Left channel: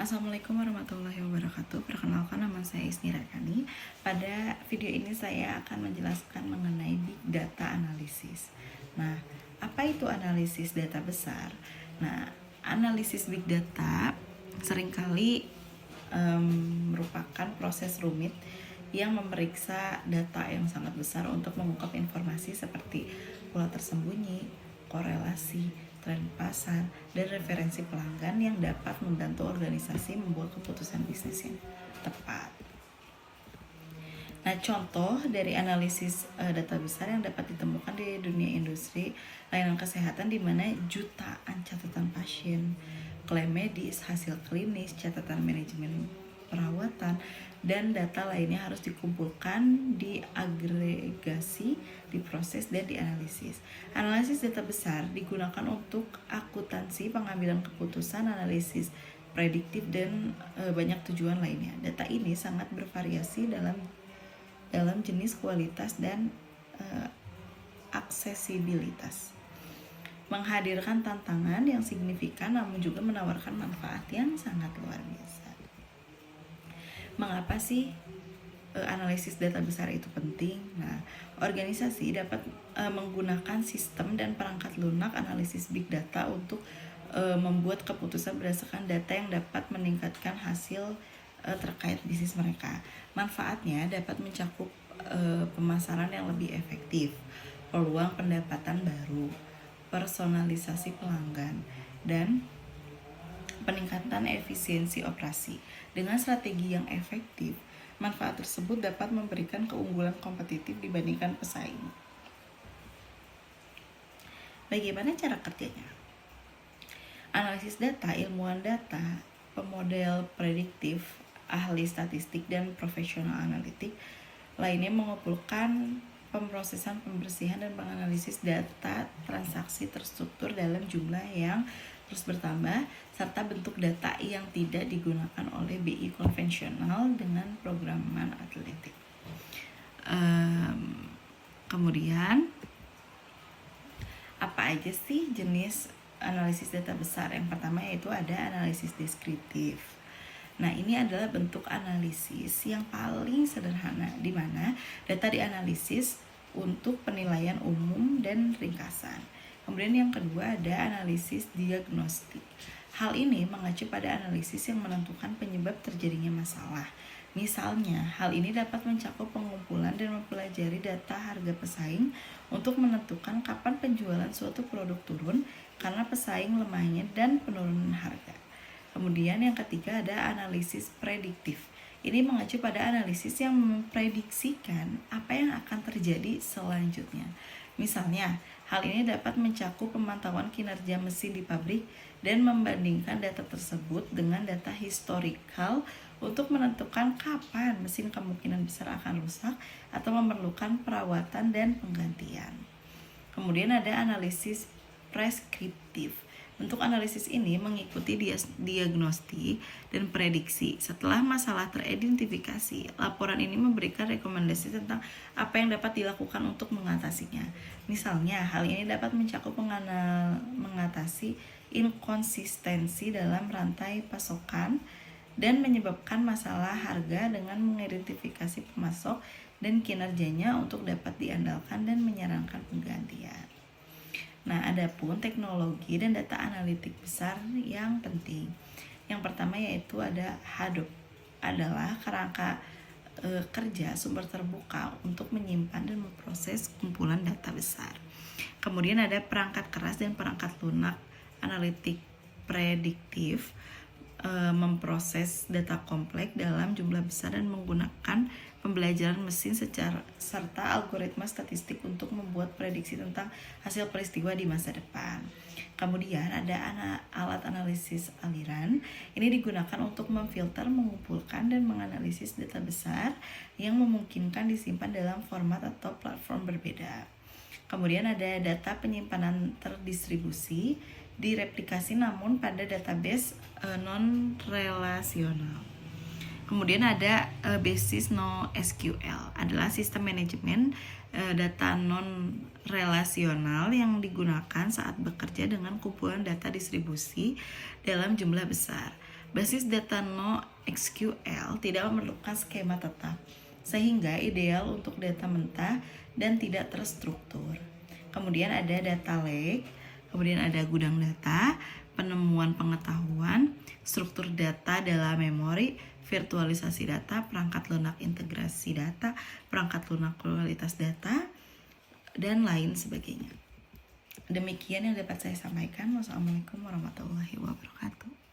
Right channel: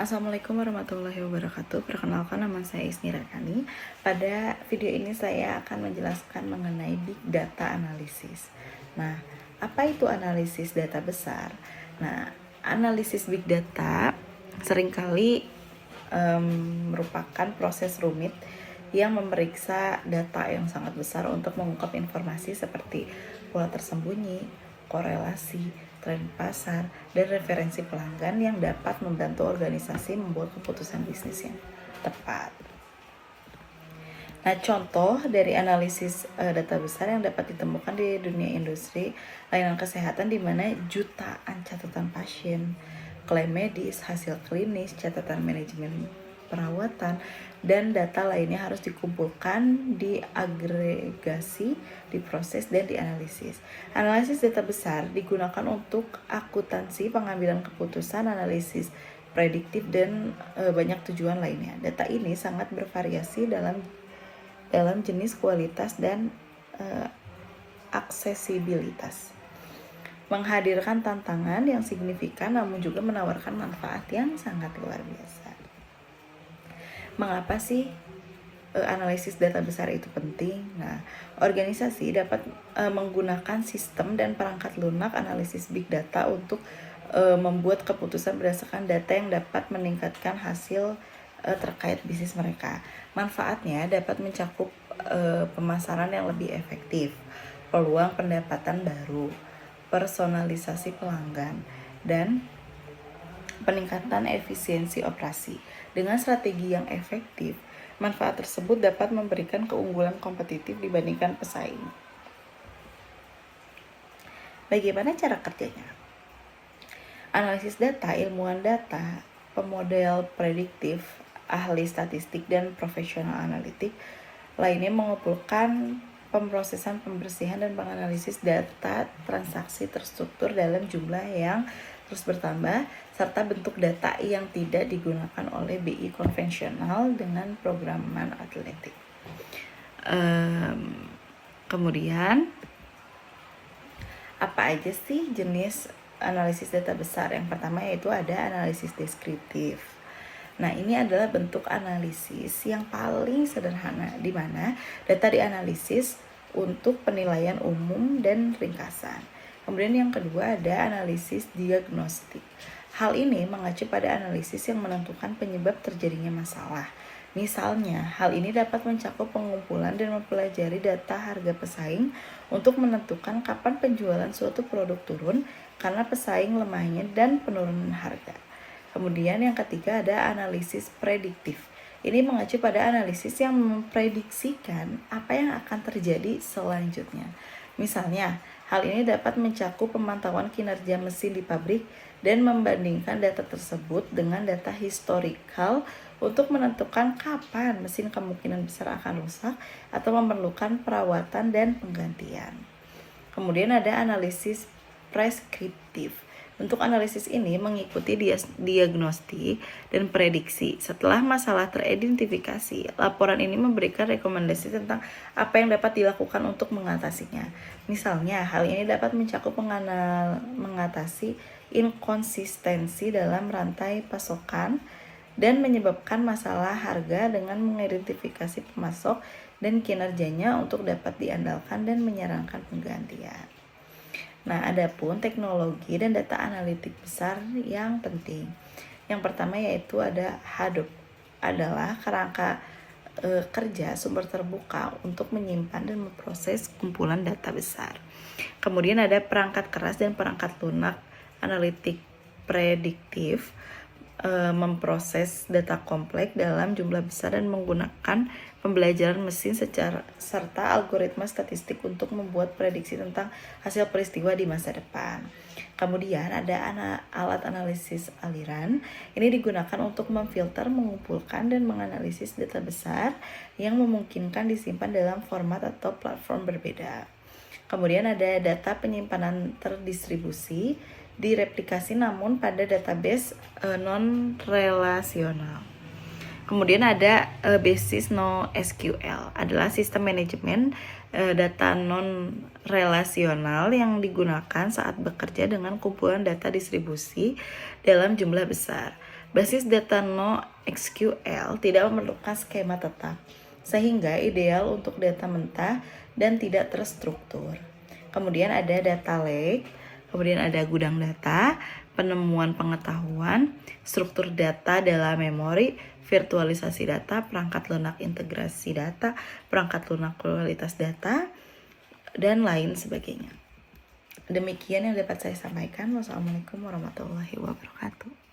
Assalamualaikum warahmatullahi wabarakatuh. Perkenalkan, nama saya Isni Radhani. Pada video ini saya akan menjelaskan mengenai Big Data Analysis. Nah, apa itu analisis data besar? Nah, analisis Big Data seringkali merupakan proses rumit yang memeriksa data yang sangat besar untuk mengungkap informasi seperti pola tersembunyi, korelasi, tren pasar, dan referensi pelanggan yang dapat membantu organisasi membuat keputusan bisnis yang tepat. Nah, contoh dari analisis data besar yang dapat ditemukan di dunia industri layanan kesehatan, di mana jutaan catatan pasien, klaim medis, hasil klinis, catatan manajemen perawatan, dan data lainnya harus dikumpulkan, diagregasi, diproses, dan dianalisis. Analisis data besar digunakan untuk akuntansi, pengambilan keputusan, analisis prediktif, dan banyak tujuan lainnya. Data ini sangat bervariasi dalam jenis, kualitas, dan aksesibilitas, menghadirkan tantangan yang signifikan namun juga menawarkan manfaat yang sangat luar biasa. Mengapa sih analisis data besar itu penting? Nah, organisasi dapat menggunakan sistem dan perangkat lunak analisis big data untuk membuat keputusan berdasarkan data yang dapat meningkatkan hasil terkait bisnis mereka. Manfaatnya dapat mencakup pemasaran yang lebih efektif, peluang pendapatan baru, personalisasi pelanggan, dan peningkatan efisiensi operasi. Dengan strategi yang efektif, manfaat tersebut dapat memberikan keunggulan kompetitif dibandingkan pesaing. Bagaimana cara kerjanya? Analisis data, ilmuwan data, pemodel prediktif, ahli statistik, dan profesional analitik lainnya mengumpulkan pemrosesan, pembersihan, dan menganalisis data transaksi terstruktur dalam jumlah yang terus bertambah, serta bentuk data yang tidak digunakan oleh BI konvensional dengan programan atletik. Kemudian, apa aja sih jenis analisis data besar? Yang pertama yaitu ada analisis deskriptif. Nah, ini adalah bentuk analisis yang paling sederhana, di mana data dianalisis untuk penilaian umum dan ringkasan. Kemudian yang kedua ada analisis diagnostik. Hal ini mengacu pada analisis yang menentukan penyebab terjadinya masalah. Misalnya, hal ini dapat mencakup pengumpulan dan mempelajari data harga pesaing untuk menentukan kapan penjualan suatu produk turun karena pesaing lemahnya dan penurunan harga. Kemudian yang ketiga ada analisis prediktif. Ini mengacu pada analisis yang memprediksikan apa yang akan terjadi selanjutnya. Misalnya, hal ini dapat mencakup pemantauan kinerja mesin di pabrik dan membandingkan data tersebut dengan data historikal untuk menentukan kapan mesin kemungkinan besar akan rusak atau memerlukan perawatan dan penggantian. Kemudian ada analisis preskriptif. Untuk analisis ini mengikuti diagnostik dan prediksi. Setelah masalah teridentifikasi, laporan ini memberikan rekomendasi tentang apa yang dapat dilakukan untuk mengatasinya. Misalnya, hal ini dapat mencakup mengatasi inkonsistensi dalam rantai pasokan dan menyebabkan masalah harga dengan mengidentifikasi pemasok dan kinerjanya untuk dapat diandalkan dan menyarankan penggantian. Nah, adapun teknologi dan data analitik besar yang penting. Yang pertama yaitu ada Hadoop, adalah kerangka kerja sumber terbuka untuk menyimpan dan memproses kumpulan data besar. Kemudian ada perangkat keras dan perangkat lunak analitik prediktif, memproses data kompleks dalam jumlah besar dan menggunakan pembelajaran mesin serta algoritma statistik untuk membuat prediksi tentang hasil peristiwa di masa depan. Kemudian ada alat analisis aliran. Ini digunakan untuk memfilter, mengumpulkan, dan menganalisis data besar yang memungkinkan disimpan dalam format atau platform berbeda. Kemudian ada data penyimpanan terdistribusi, direplikasi namun pada database non-relasional. Kemudian ada basis NoSQL, adalah sistem manajemen data non-relasional yang digunakan saat bekerja dengan kumpulan data distribusi dalam jumlah besar. Basis data NoSQL tidak memerlukan skema tetap, sehingga ideal untuk data mentah dan tidak terstruktur. Kemudian ada data lake, kemudian ada gudang data, penemuan pengetahuan, struktur data dalam memori, virtualisasi data, perangkat lunak integrasi data, perangkat lunak kualitas data, dan lain sebagainya. Demikian yang dapat saya sampaikan. Wassalamualaikum warahmatullahi wabarakatuh.